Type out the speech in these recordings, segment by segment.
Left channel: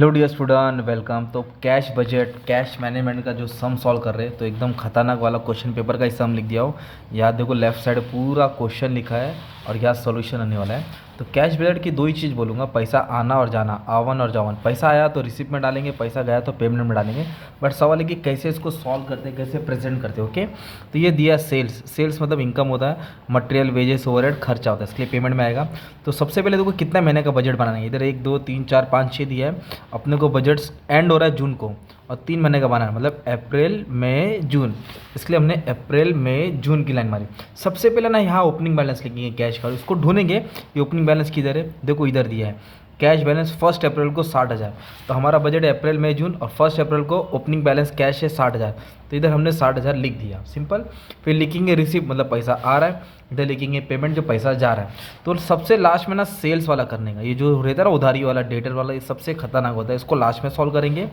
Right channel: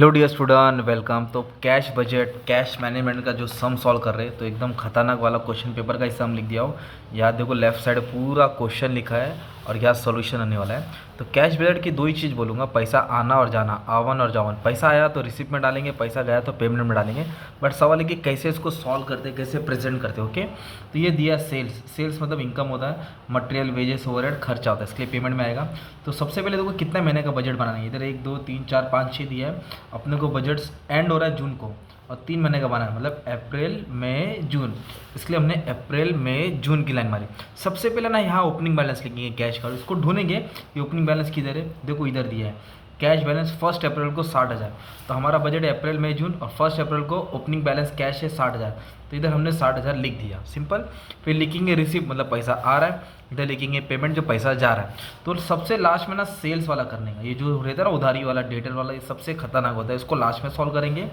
Hello dear student, welcome. तो cash budget, cash management का जो सम सॉल्व कर रहे हैं, तो एकदम खतरनाक वाला क्वेश्चन पेपर का ही सम लिख दिया हो। याद देखो, लेफ्ट साइड पूरा क्वेश्चन लिखा है और यहाँ सॉल्यूशन आने वाला है। तो कैश बजट की दो ही चीज़ बोलूँगा, पैसा आना और जाना, आवन और जावन। पैसा आया तो रिसिप्ट में डालेंगे, पैसा गया तो पेमेंट में डालेंगे। बट सवाल है कि कैसे इसको सॉल्व करते हैं, कैसे प्रेजेंट करते हैं। ओके, तो ये दिया सेल्स। सेल्स मतलब इनकम होता है, मटेरियल, वेजेस, ओवरहेड, खर्चा होता है, इसके लिए पेमेंट में आएगा। तो सबसे पहले देखो कितना महीने का बजट बनाना है। इधर 1 2 3 4 5 6 दिया है। अपने को बजट एंड हो रहा है जून को और 3 महीने का बनाना है, मतलब अप्रैल मई जून। इसलिए हमने अप्रैल मई जून की लाइन मारी। सबसे पहले ना यहाँ ओपनिंग बैलेंस लिखेंगे कैश का, इसको ढूंढेंगे। ये ओपनिंग बैलेंस किधर है, देखो इधर दिया है। कैश बैलेंस 1 अप्रैल को 60,000। तो हमारा बजट है अप्रैल मई जून और 1 अप्रैल को ओपनिंग बैलेंस कैश है 60,000। तो इधर हमने 60,000 लिख दिया, सिंपल। फिर लिखेंगे रिसीव, मतलब पैसा आ रहा है। इधर लिखेंगे पेमेंट, जो पैसा जा रहा है। तो सबसे लास्ट में ना सेल्स वाला करने का, ये जो रहता है ना उधारी वाला, डेटर वाला, ये सबसे खतरनाक होता है। इसको लास्ट में सॉल्व करेंगे।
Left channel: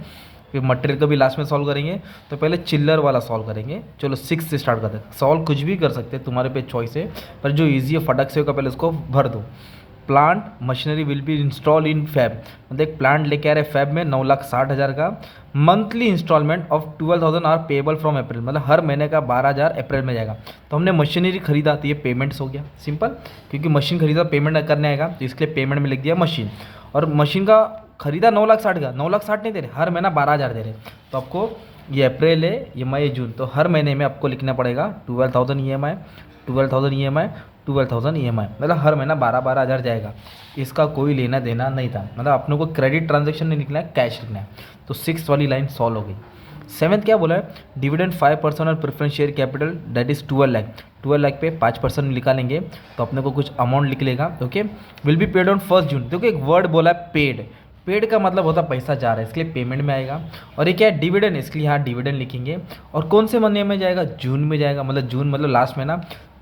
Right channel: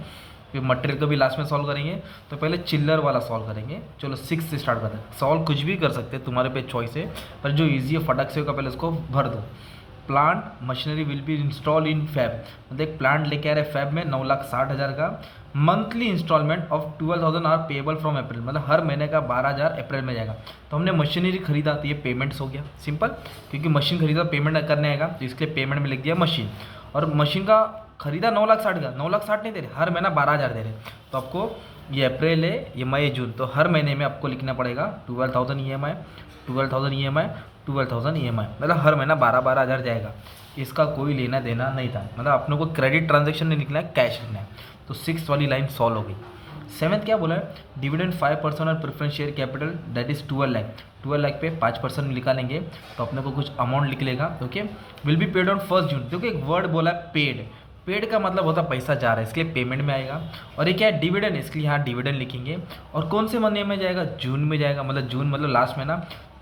फिर मटेरियल का भी लास्ट में सॉल्व करेंगे। तो पहले चिल्लर वाला सॉल्व करेंगे। चलो 6 से स्टार्ट करते हैं। सॉल्व कुछ भी कर सकते हैं, तुम्हारे पे चॉइस है, पर जो ईजी है फटक से होगा पहले उसको भर दो। Plant machinery will be install in Feb, मतलब एक प्लांट लेके आ रहे फैब में 9,60,000 का। Monthly installment of 12,000 are payable from April, मतलब हर महीने का 12,000 अप्रैल में जाएगा। तो हमने मशीनरी खरीदा, तो ये पेमेंट्स हो गया, सिंपल। क्योंकि मशीन खरीदा पेमेंट करने आएगा, तो इसके लिए पेमेंट में लिख दिया मशीन। और मशीन का खरीदा 9,60,000 का, 9,60,000 नहीं दे रहे, हर महीना 12,000 दे रहे। तो आपको ये अप्रैल है, ये मई जून, तो हर महीने में आपको लिखना पड़ेगा 12,000 EMI, 12,000 EMI, 12,000 EMI, मतलब हर महीना 12,000 जाएगा। इसका कोई लेना देना नहीं था, मतलब अपने को क्रेडिट ट्रांजेक्शन नहीं निकला है, कैश लिखना है। तो 6 वाली लाइन सॉल्व हो गई। 7th क्या बोला है, डिविडेंड 5% और preference share capital that is 12 lakh. 12 lakh पे 5% निकालेंगे तो अपने को कुछ अमाउंट लिख लेगा। Okay, will be paid on 1 जून। देखो एक वर्ड बोला है पेड। पेड का मतलब होता है पैसा जा रहा है, इसके लिए पेमेंट में आएगा। और ये क्या है, डिविडेंड, इसके लिए यहाँ डिविडेंड लिखेंगे। और कौन से महीने में जाएगा, जून में जाएगा, मतलब जून मतलब लास्ट महीना।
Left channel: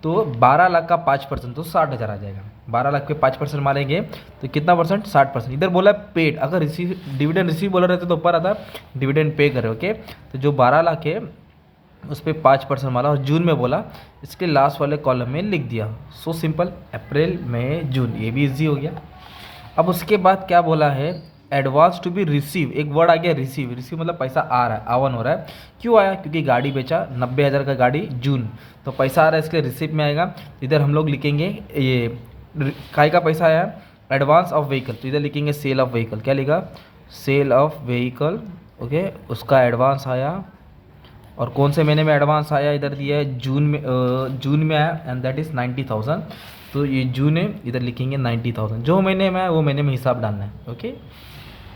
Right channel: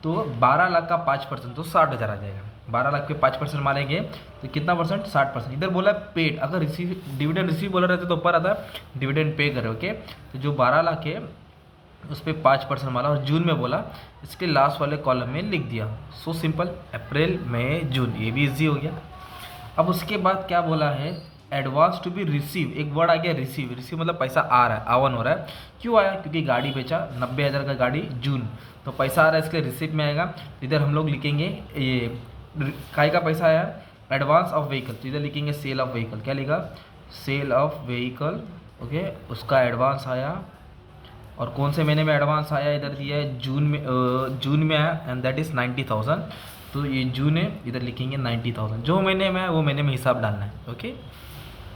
तो 12 लाख का 5%, तो 60,000 आ जाएगा। 12 लाख पे 5% मारेंगे तो कितना परसेंट, 60%। इधर बोला पेड, अगर रिसीव डिविडेंड रिसीव बोला रहता तो ऊपर आता डिविडेंड पे करे। ओके, तो जो 12 लाख है उस पर 5% मारा और जून में बोला, इसके लास्ट वाले कॉलम में लिख दिया। सो सिंपल, अप्रैल मई जून, ये भी इजी हो गया। अब उसके बाद क्या बोला है, एडवांस टू बी रिसीव। एक वर्ड आ गया रिसीव। रिसीव मतलब पैसा आ रहा है, आवन हो रहा है। क्यों आया, क्योंकि गाड़ी बेचा 90,000 का गाड़ी जून, तो पैसा आ रहा है, इसके रिसीव में आएगा। इधर हम लोग लिखेंगे ये काय का पैसा आया, एडवांस ऑफ व्हीकल, तो इधर लिखेंगे सेल ऑफ व्हीकल। क्या लिखा, सेल ऑफ व्हीकल। ओके, उसका एडवांस आया। और कौन से महीने में एडवांस आया, इधर दिया है जून में। जून में आया एंड दैट इज़ 90,000। तो ये जून है, इधर लिखेंगे 90,000। जो महीने में है वो महीने में हिसाब डालना है। ओके,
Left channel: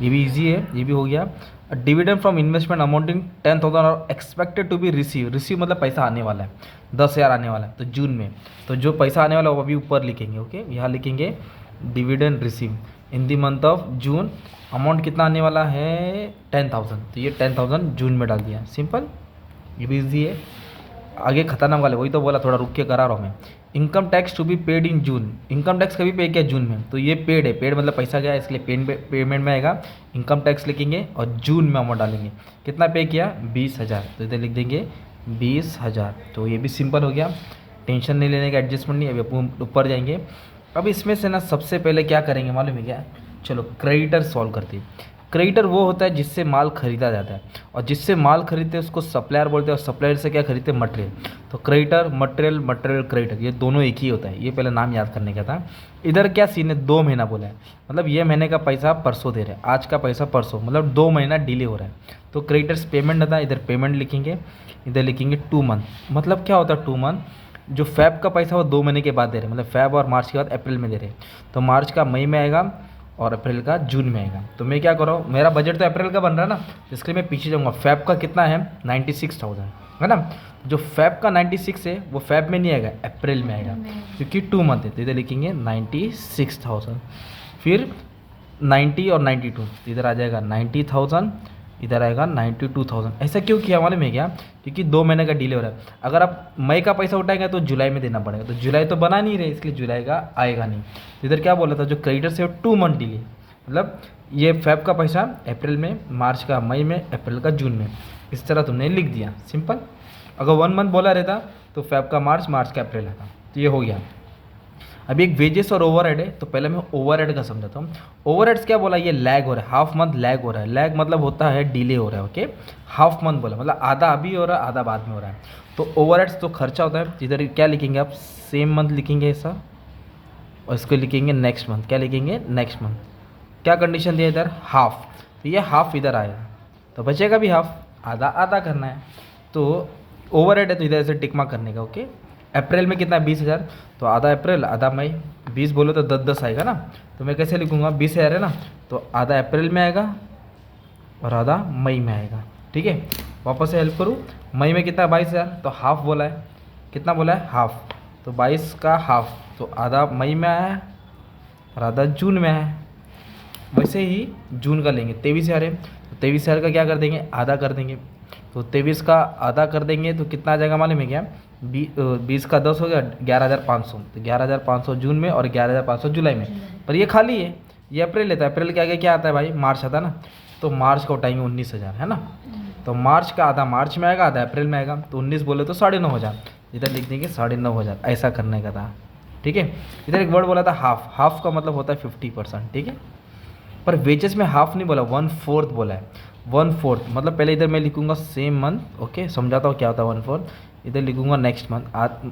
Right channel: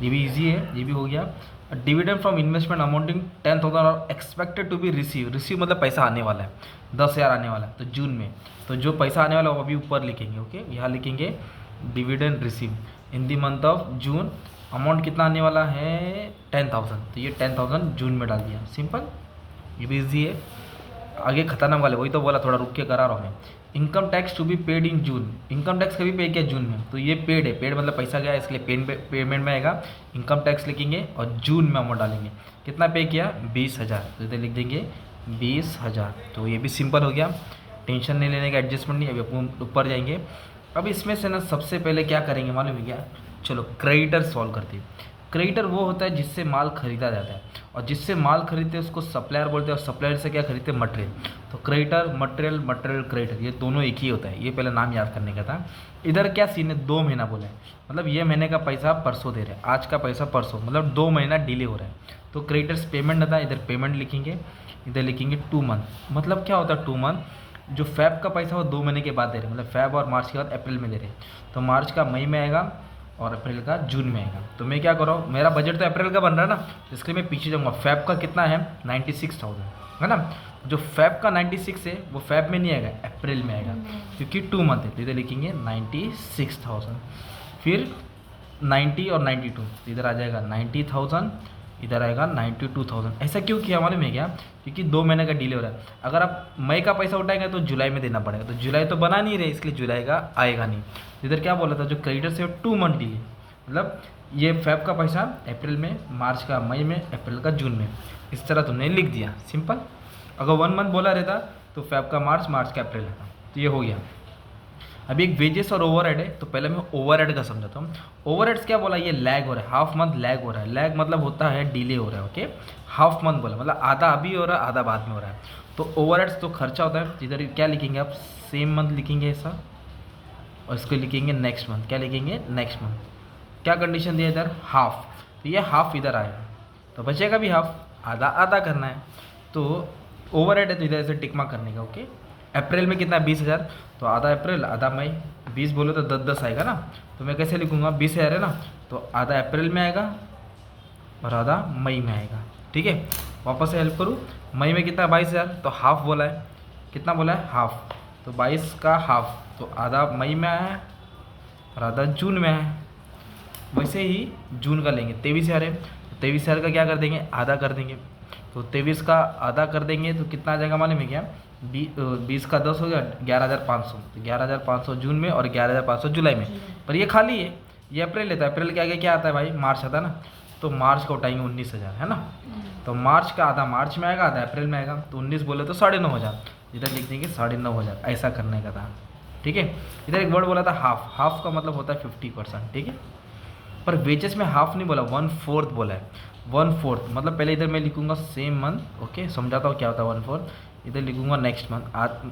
ये भी इजी है, ये भी हो गया। डिविडेंड फ्रॉम इन्वेस्टमेंट अमाउंटिंग 10,000 और expected to be receive. Receive मतलब पैसा आने वाला है, 10,000 आने वाला है, तो जून में। तो जो पैसा आने वाला है वो अभी ऊपर लिखेंगे। ओके, यहाँ लिखेंगे dividend receive in the month of June. Amount कितना आने वाला है, 10,000, तो ये 10,000 जून में डाल दिया, सिंपल। ये भी ईजी है। आगे खतरनाक वाले, वही तो बोला थोड़ा रुक के करा रहा हूँ मैं। Income tax to be paid in June. Income tax कभी पे किया, जून में, तो ये पेड है। पेड मतलब पैसा गया, इसलिए पेमेंट में आएगा। इनकम टैक्स लिखेंगे और जून में अमाउंट डालेंगे। कितना पे किया, 20,000, तो इधर लिख देंगे 20,000। तो ये भी सिंपल हो गया, टेंशन नहीं लेने का, एडजस्टमेंट नहीं। अभी ऊपर जाएंगे। अब इसमें से ना सबसे पहले क्या करेंगे मालूम है क्या, चलो क्रेडिटर सॉल्व करते हैं। क्रेडिटर वो होता है जिससे माल खरीदा जाता है, और जिससे माल खरीदते हैं उसको सप्लायर बोलते हैं, और सप्लायर से क्या खरीदते हैं, मटेरियल। तो क्रेडिटर, मटेरियल, मटेरियल क्रेडिटर, ये दोनों एक ही होता है। ये पहले नाम याद करने का था। इधर क्या सीन है, 2 महीना बोला है, मतलब ये महीने का पैसा परसों दे रहे हैं, आज का पैसा परसों, मतलब 2 महीना डिले हो रहा है। तो क्रेडिटर्स पेमेंट रहता है, इधर पेमेंट लिखेंगे। इधर लिखेंगे 2 मंथ। मतलब क्या होता है 2 मंथ, जो फैब का पैसा वो 2 महीने के बाद दे रहे हैं, मतलब फैब और मार्च के बाद अप्रैल में दे रहे हैं। तो मार्च का मई में आएगा और अप्रैल का जून में आएगा। तो मैं क्या कर रहा हूँ, मेरा बजट तो अप्रैल का बन रहा है ना, इसके लिए मैं पीछे जाऊँगा। फैब का कितना है, 96,000 है ना। जो फैब का 96 है वो फैब में नहीं आएगा, अप्रैल में आएगा, क्योंकि 2 मंथ है। तो इधर लिखेंगे 96,000। फिर 90 और 92, इधर आ जाएगा 90,000, इधर आएगा 92,000। ऐसा क्यों किया मालूम है क्या, क्योंकि 2 महीने का डिले हो रहा है। अगर आप मई का पैसा उठाएंगे तो जुलाई में देना पड़ेगा, तो जुलाई तो बना नहीं रहे, इसलिए जुलाई का आएगा नहीं। तो इधर क्या बोला था, जो क्रेडिटर से 2 मंथ डिले, मतलब ये फैब का पैसा अप्रैल में, मार्च का मई में, अप्रैल का जून में। इस तरह तुमने लिख दिया, सिंपल। अगर 1 मंथ बोला रहता तो फैब का मार्च, मार्च का अप्रैल आता। तो ये हो गया। अभी एक वेजेस और ओवरहेड है, तो पहले मैं ओवरहेड का समझाता हूँ। ओवरहेड्स क्या बोला, ये लैग हो रहा है, हाफ मंथ लैग हो रहा है। लैग मतलब होता है डिले हो रहा है, ओके। हाफ मंथ बोला मतलब आधा अभी हो रहा है, आधा बाद में हो रहा है। तो ओवरहेड्स तो खर्चा होता है, इधर क्या लिखेंगे आप, सेम मंथ लिखेंगे ऐसा, और इसको लिखेंगे नेक्स्ट मंथ। क्या लिखेंगे, नेक्स्ट मंथ। क्या कंडीशन दिया इधर, हाफ, तो ये हाफ इधर आएगा, तो बचेगा भी हाफ, आधा आधा करना है। तो ओवरहेड है तो इधर से टिक मार्क करने का, ओके। अप्रैल में कितना, 20,000, तो आधा अप्रैल आधा मई, 20 बोलो तो 10 आएगा ना, तो मैं कैसे लिखूँगा, 20,000 है ना, तो आधा अप्रैल में आएगा और आधा मई में आएगा, ठीक है। वापस से हेल्प करूँ, मई में कितना, 22,000, तो हाफ बोला है, कितना बोला है, हाफ, तो 22 का हाफ, तो आधा मई में आया है और आधा जून में आया है। वैसे ही जून का लेंगे, 23,000 है, 23,000 का क्या कर देंगे, आधा कर देंगे, तो 23 का आधा कर देंगे तो कितना आ जाएगा मालूम है क्या, 20 का 10 हो गया, 11,500, तो 11,500 जून में और 11,500 जुलाई में। पर ये खाली है, ये अप्रैल लेता है, अप्रैल के आगे क्या आता है भाई, मार्च आता है ना, तो मार्च का उठाएंगे 19,000, है ना, तो मार्च का आधा मार्च में आएगा, आधा अप्रैल में आएगा, तो 19 बोले तो 9,500, इधर लिख देंगे 9,500, ऐसा करने का था, ठीक है। इधर एक वर्ड बोला था हाफ, हाफ का मतलब होता है 50%, ठीक है। पर वेजेस में हाफ नहीं बोला, 1/4 बोला है, 1/4 मतलब पहले इधर मैं लिखूंगा सेम मंथ, ओके, समझाता हूँ क्या होता है 1/4, इधर लिखूंगा नेक्स्ट मंथ।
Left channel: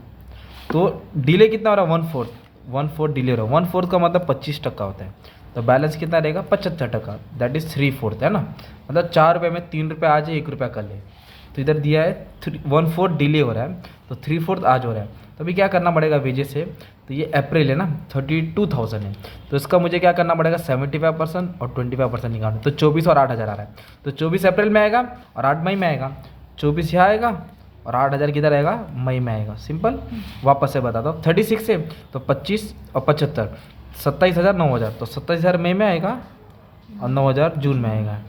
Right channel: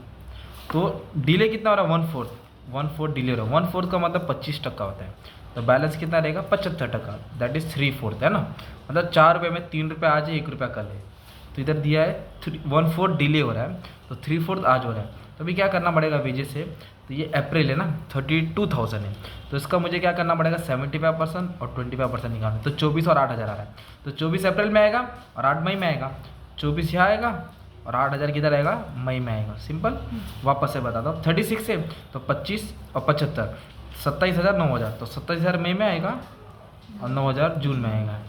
तो डिले कितना हो रहा है, 1/4, 1/4 डिले हो रहा है, 1/4 का मतलब 25% होता है, तो बैलेंस कितना रहेगा, 75%, दैट इज 3/4, है ना, मतलब 4 रुपये में 3 रुपये आज है, 1 रुपया कल है। तो इधर दिया है 1/4 डिले हो रहा है, तो 3/4 आज हो रहा है, तो अभी क्या करना पड़ेगा वेजेस से, तो ये अप्रैल है ना, 32,000 है, तो इसका मुझे क्या करना पड़ेगा, 75% और 25% निकालना, तो 24 और 8,000 आ रहा है, तो 24 अप्रैल में आएगा और 8 मई में आएगा, 24 यहाँ आएगा और 8,000 किधर आएगा, मई में आएगा, सिंपल। वापस से बताता हूँ, 36 है तो 25 और 75, 27,000 9,000, तो 27,000 मई में आएगा और 9,000 जून में आएगा।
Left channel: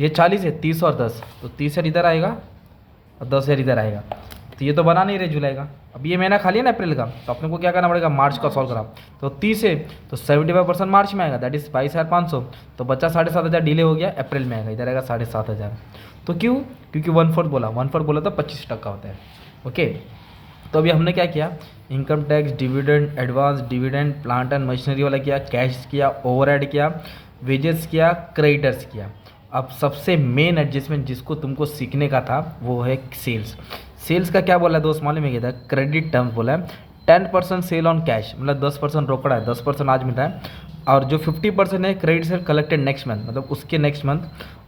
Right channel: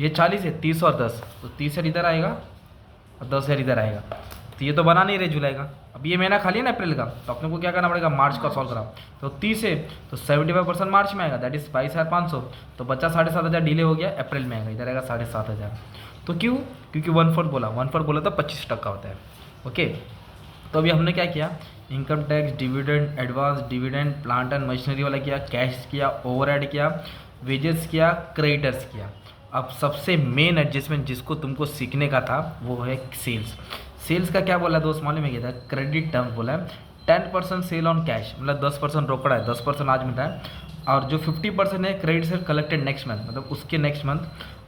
ये 40 है, 30 और 10, तो 30,000 इधर आएगा और 10,000 इधर आएगा, तो ये तो बना नहीं रहे जुलाई का। अब ये महीना खाली है ना अप्रैल का, तो अपने को क्या करना पड़ेगा, मार्च का सॉल्व करा, तो 30 है तो 75% मार्च में आएगा, दैट इज 22,500, तो बच्चा 7,500 डिले हो गया, अप्रैल में आएगा, इधर आएगा 7,500। तो क्यों, क्योंकि 1/4 बोला, 1/4 बोला तो 25% होता है, ओके। तो अभी हमने क्या किया, income tax, dividend, advance dividend, plant and machinery वाला किया, कैश किया, ओवरहेड किया, वेजेस किया, क्रेडिटर्स किया। अब सबसे मेन एडजस्टमेंट जिसको तुमको सीखने का था वो है सेल्स। सेल्स का क्या बोला है दोस्त, मालूम है क्या था, क्रेडिट टर्म्स बोला है, 10% सेल ऑन कैश, मतलब 10% रोकड़ा है, 10% आज मिलता है, और जो 50% है credit sale collected next month, मतलब उसके नेक्स्ट मंथ,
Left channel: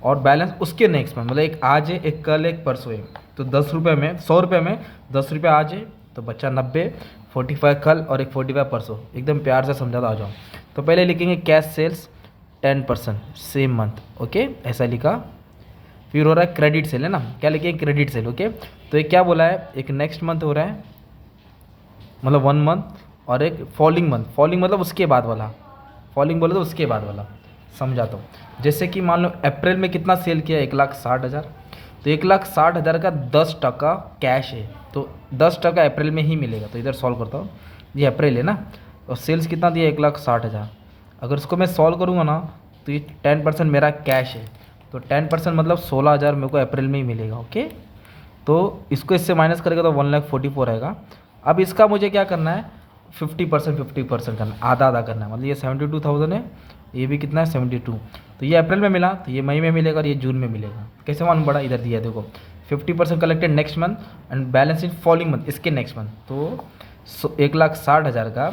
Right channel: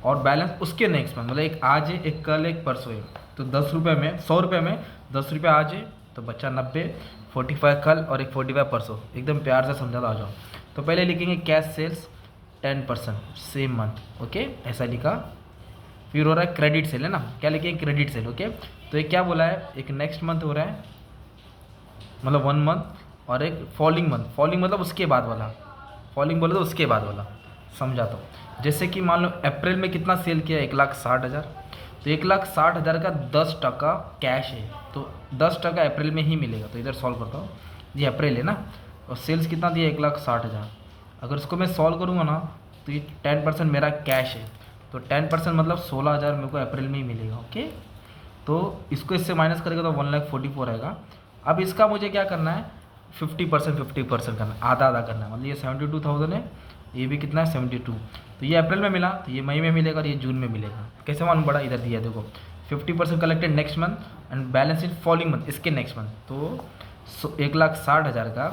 और बैलेंस उसके नेक्स्ट मंथ, मतलब एक आज है, एक कल, एक परसों है, तो 10 रुपये में, 100 रुपये में 10 रुपये आज है तो बच्चा 90, 45 कल और एक 45 परसों, एकदम प्यार से समझा आ जाओ। तो पहले लिखेंगे cash sales 10% same month, okay, ऐसा लिखा। फिर हो रहा है क्रेडिट सेल, है ना, क्या लिखे, क्रेडिट सेल, ओके। तो एक क्या बोला है, एक नेक्स्ट मंथ हो रहा है, मतलब 1 मंथ, और एक फॉलोइंग मंथ, फॉलोइंग मतलब उसके बाद वाला, फॉलोइंग बोले तो उसके बाद वाला, समझाता हूँ। जैसे कि मान लो अप्रैल में कितना सेल किया, 1,60,000, तो 1,60,000 का 10% कैश है, तो 10% अप्रैल में ही मिलेगा, तो इधर सॉल्व करता हूँ, ये अप्रैल है ना, और सेल्स कितना दिया, 1,60,000, अगर इसको मैं सॉल्व करूँगा ना, तो ये 10% मेरा कैश है, तो 10% मतलब 16,000 मेरे को अप्रैल में ही मिलेगा, ओके। तो इसको इससे माइनस करेगा तो 1,44,000 आएगा। अब इसका मुझे क्या करना है, 50% करना है, आधा आधा करना है, मतलब ये 72,000 है, ये भी कितना है 72, तो ये अप्रैल में मिला, तो ये मई में मिलेगा और ये जून में मिलेगा। कैसे मालूम पड़ा, इधर दिया देखो, 50% collected next month and balance in following month, इसके नेक्स्ट मंथ, तो 1,60,000 का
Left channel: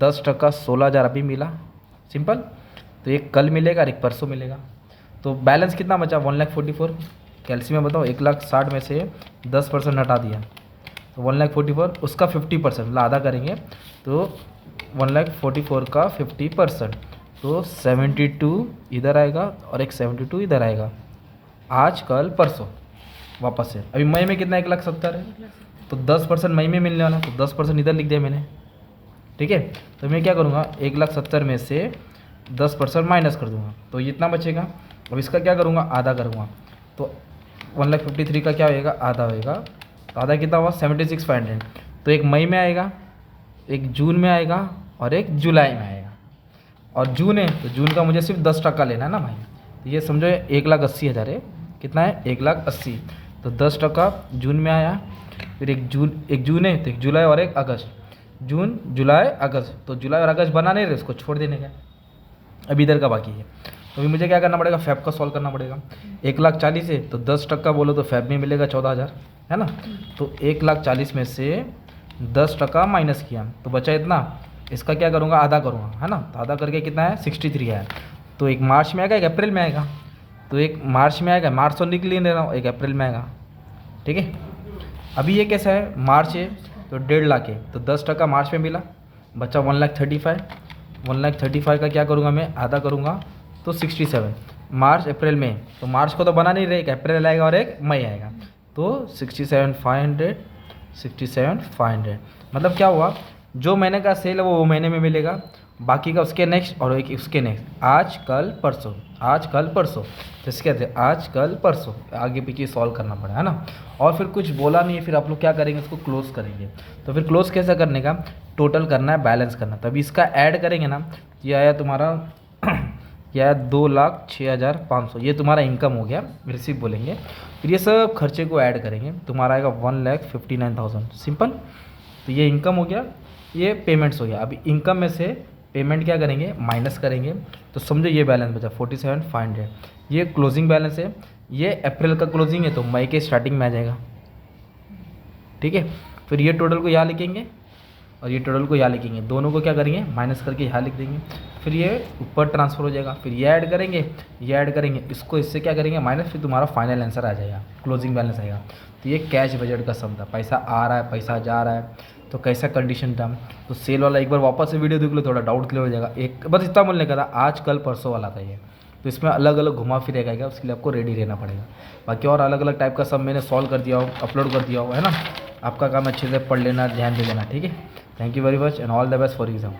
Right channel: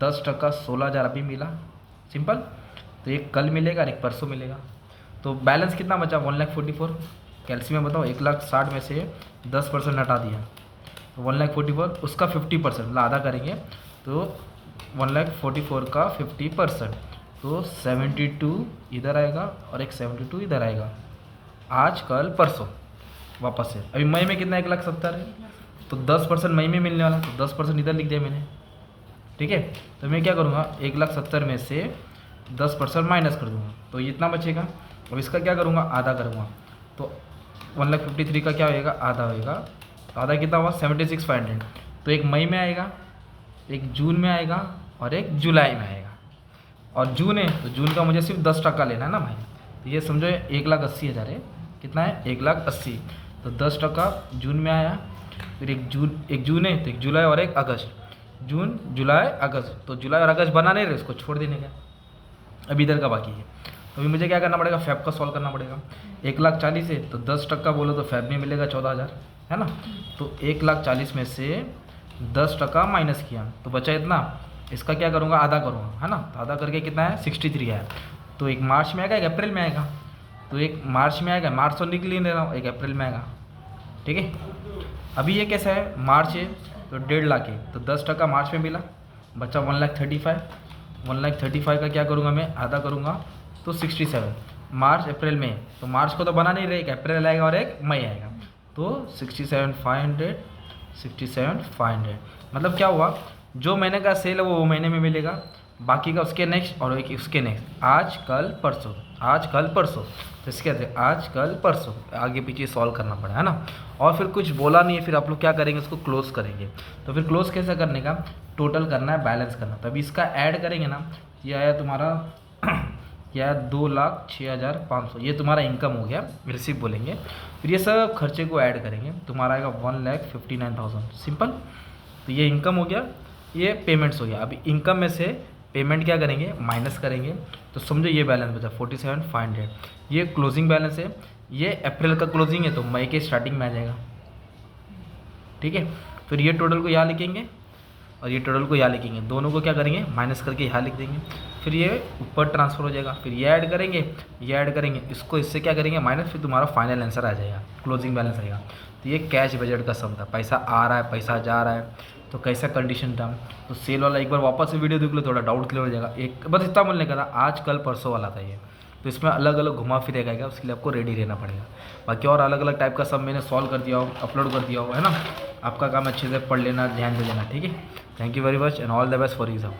10% 16,000 अभी मिला, सिंपल। तो एक कल मिलेगा और एक परसों मिलेगा, तो बैलेंस कितना बचा, 1,44,000। कैल्सियम में बताओ, 1,60,000 में से 10% हटा दिया तो 1,44,000, उसका 50% मतलब आधा करेंगे, तो 1,44,000 का 50%, तो 72 इधर आएगा और एक 72 इधर आएगा, आज कल परसों। वापस से अभी मई में कितना, 1,70,000 है, तो 10% मई में मिलने वाला है, तो 10% इधर लिख दिया मैंने, ठीक है। तो मैं क्या करूँगा, 1,70,000 में से 10% माइनस कर दूँगा, तो इतना बचेगा। अब इसका क्या करूँगा, आधा करूँगा, तो 1,53,000 का क्या होएगा, आधा होएगा, तो आधा कितना हुआ, 76,500, तो एक मई में आएगा, एक जून में आएगा और एक जुलाई में आएगा, और जून है तो जून का मुझे सिर्फ 10% लेना है ना भाई, तो ये समझो 1,80,000 है, कितना है, 1,80,000, तो 10% जून में आया, फिर एक जून है तो एक जुलाई और एक अगस्त, जून जुलाई अगस्त, तो जुलाई और अगस्त बना नहीं रहे, इसको छोड़ देने का, अभी इधर का बाकी है। तो अभी मुझे क्या करना पड़ेगा, फैब का सॉल्व करना पड़ेगा। 1,40,000 है तो 10% बोलो तो फैब में मिलेगा 14,000, है ना। तो 1,40,000 में से 10% माइनस किया तो बचा इतना, इसका क्या करूँगा, आधा करूँगा, है ना। तो आधा करके कितना है, 63 है। तो एक मार्च में आएगा, एक अप्रैल में आएगा। तो एक मार्च में आएगा, मार्च तो लिख ले रहा हूँ, एक अप्रैल में आएगा, ठीक है। अभी ये कैसा है, मार्च है तो 1.5 लाख है, तो 10% मार्च में मिला, बचा 1,35,000। 1,35,000 का क्या करूँगा मैं, आधा करूँगा तो 67। मार्च अप्रैल में, तो मार्च को तो बना नहीं रहे, एक अप्रैल आएगा और एक मई आएगा, तो 67,500। 67,500 मतलब क्या हुआ, जो महीने का सेल है वो महीने में मिलेगा, बाकी का उसके नेक्स्ट और एक उसके नेक्स्ट, आज कल परसों, आज कल परसों, जैसे कहते हैं आज कल परसों, आगे पीछे सॉल्व करना पड़ा, है ना। और फिर कुछ बोला नहीं है, फिर आप लोग क्या करेंगे, उसको क्लोज करेंगे। तो फिर क्लोज कैसे करने का, टोटल करना है, बैलेंस करना, तभी इसका ऐड करेंगे ना। ये आया तुम्हारा ये आया 2,06,500, ये तुम्हारा इनकम हो गया, रिसीव बोलेंगे। फिर ये सब खर्चे को ऐड करेंगे, तुम्हारा आएगा 1,59,000, सिंपल। तो ये इनकम हो गया, ये पेमेंट्स हो गया। अभी इनकम में से पेमेंट क्या करेंगे, माइनस करेंगे, तो समझो ये बैलेंस बचा 47,500, ये क्लोजिंग बैलेंस है। ये अप्रैल का क्लोजिंग है तो मई के स्टार्टिंग में आ जाएगा, ठीक है। फिर ये टोटल को यहाँ लिखेंगे और ये टोटल को यहाँ लिखेंगे, दोनों को क्या करेंगे, माइनस करके यहाँ लिख देंगे। फिर ये ऊपर ट्रांसफर हो जाएगा, फिर ये ऐड करेंगे, ये ऐड करेंगे, इसको इससे क्या करेंगे माइनस, फिर तुम्हारा फाइनल आंसर आ जाएगा, क्लोजिंग बैलेंस आएगा। तो ये कैश बजट का सम था, पैसा आ रहा है, पैसा जा रहा है, तो कैसा कंडीशन था। तो सेल वाला एक बार वापस से वीडियो देख लो, थोड़ा डाउट क्लियर हो जाएगा। एक बस इतना बोलने का था, आज कल परसों वाला था ये, तो इसमें अलग अलग घुमा फिर रहेगा, उसके लिए आपको रेडी रहना पड़ेगा। बाकी और अलग अलग टाइप का सब मैंने सॉल्व कर दिया हो, अपलोड कर दिया हो, है ना। आपका काम अच्छे से पढ़ लेना, ध्यान दे लेना, ठीक है। Thank you very much and all the best for exam.